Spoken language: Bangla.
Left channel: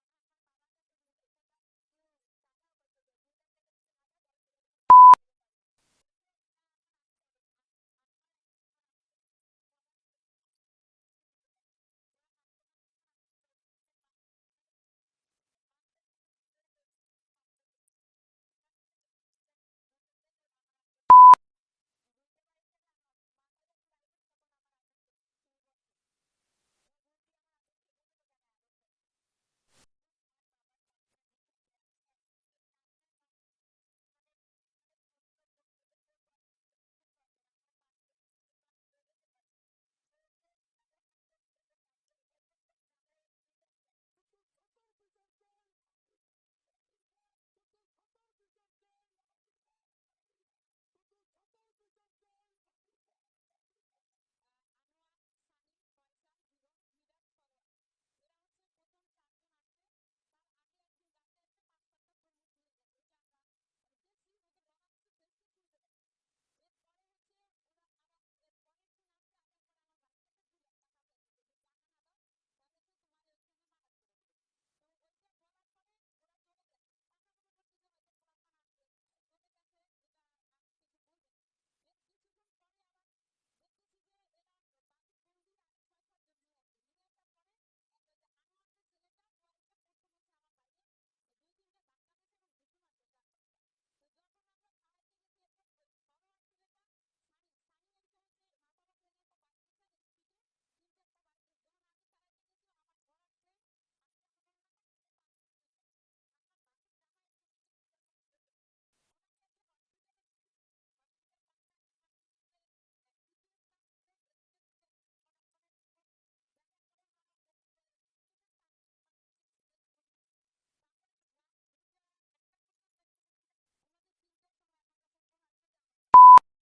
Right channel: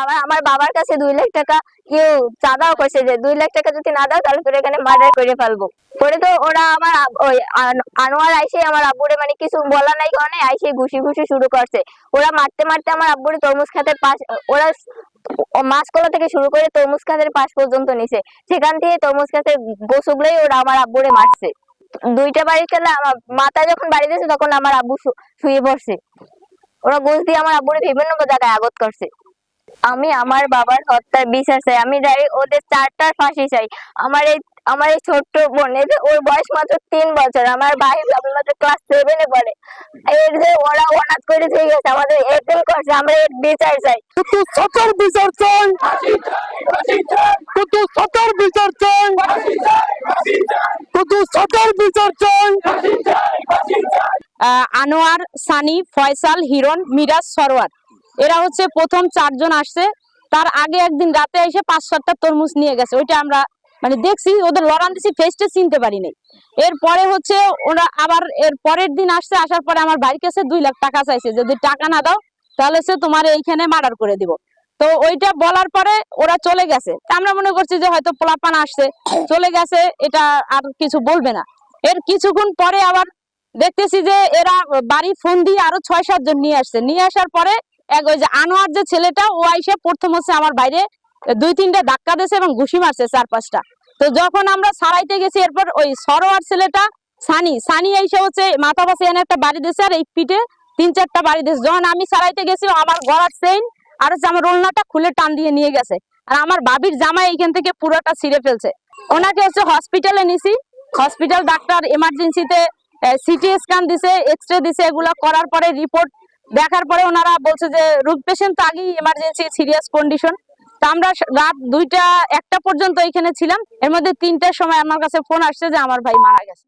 আমার আমার বাবার কাছে 2 লাখ টাকা কেউ চাঁদাও করছে যে 2 লাখ টাকা যদি না দাও তাহলে তোর এখানে মার্ডার করে ফেলবো। পরে তো ওরা আমার ওই আনোয়ার আইসে আমার আব্বুরে মানে কিছু বলা নাই কারণে আইসে ঘুষি ঘুষি শুরু করছে। ওরা মারতে মারতে আমার আব্বুরে তরমুজ খাতের পাশ, ওরা মাছকলা থেকে শুরু করে তরমুজ খাতের পাশ পর্যন্ত নিছে। সেখান থেকে তরমুজ খাতের গোছগুলোই ওরা আমার আব্বুরে মারছে। 2টা বাড়ি খেলে আমার মাথায় যখন বাড়ি দিয়েছে তখন আমার আব্বু শুয়ে পড়ছে। ওরা গোছ দিয়ে আমার আব্বুরে বিভিন্ন জায়গায় আঘাত করছে। আমি আমার বাবার হত্যার বিচার চাই। আমি ওদের 4টার ফাঁসি চাই। আমার এই ছোট্ট বোন, ওর বয়স মাত্র 3 বছর। আমার ভাই মাত্র ক্লাস 7-এ পড়ে। এর যে ওরা অনাথ করে দিয়ে গেছে, আমাদের এতিম করছে, আমরা এর বিচার চাই। কিন্তু সরকার বিচার চাই, কিন্তু সরকার বিচার চাই, কিন্তু সরকার বিচার চাই। আনোয়ার, সানি, ফয়সাল, হিরণ, মিরাজ, সরোয়ার, এরা হচ্ছে প্রথম 4 জন আসছে। তার আগে একদিন রাতে এসে 5-7টা তরমুজ নিয়ে গেছে। ওইটা আমরা মানে দেখছি, ওদের লড়ান দিছি, ফেসটা চিনতে পারি নাই। এরপরে হচ্ছে ওরা আবার এর পরের দিন আসছে, আসার পরে আমার বাড়ির কাছে 2 লাখ টাকা চাইছে, যদি টাকা না দাও তাহলে সে তোমার এইখানে মার্ডার করে দিব। তো ওইটা বলার পরে ওরা চলে গেছে। আমরা মনে করছি যে হয়তো পোলাপান আসছে, চলে গেছে, এটা আর কিছু বলবে না। এর কিছুক্ষণ পরে আবার দেখতেছি যে এরা বাড়ি ফোন দিয়ে আরো 6-7 জন নিয়ে আসছে। নিয়ে আসার পরে ওই যে আনোয়ার যে ছেলেটা, ও আইসে প্রথম হচ্ছে আমার বাইরে 2-3টা ধাক্কা দিয়েছে এবং ঘুষি মারছে 4-5টা। তো যখন আমরা সারাইতে গেছি, এরপর ওই সরোয়ার ছেলেটা সানি এসে হচ্ছে মাথা পাশে এনে একটা বাড়ি দিয়েছে, আর এই পিঠে 3-4টা বাড়ি দিয়েছে। যখন আমি সারাইতে গেছি, আমার গলার চেইন আর হচ্ছে আমার ওড়নাটা খুলে টান দিয়ে নিয়ে গেছে। আর আমার ভাবির জামাই এইখান থেকে পুরোটা ছিঁড়ে ফেলছে। ওনাকে হচ্ছে হসপিটালে নিছি। হসপিটাল ডাক্তার এমার্জেন্সিতে সিটি স্ক্যান দিছে, এক্সরে দিছে। এগুলা করার পরে রিপোর্ট দেখার পরে ওনারা বলছে যে রোগ পেশেন্ট তো আগেই এমার্জেন্সি সিরিয়াস কন্ডিশন। তা আমরা রাত 2টা 1টা পর্যন্ত এখানে ছিলাম। এর মধ্যে 3টার সময় আমার কাছে ফোন আসছে যে আমার ভাই মারা গেছে।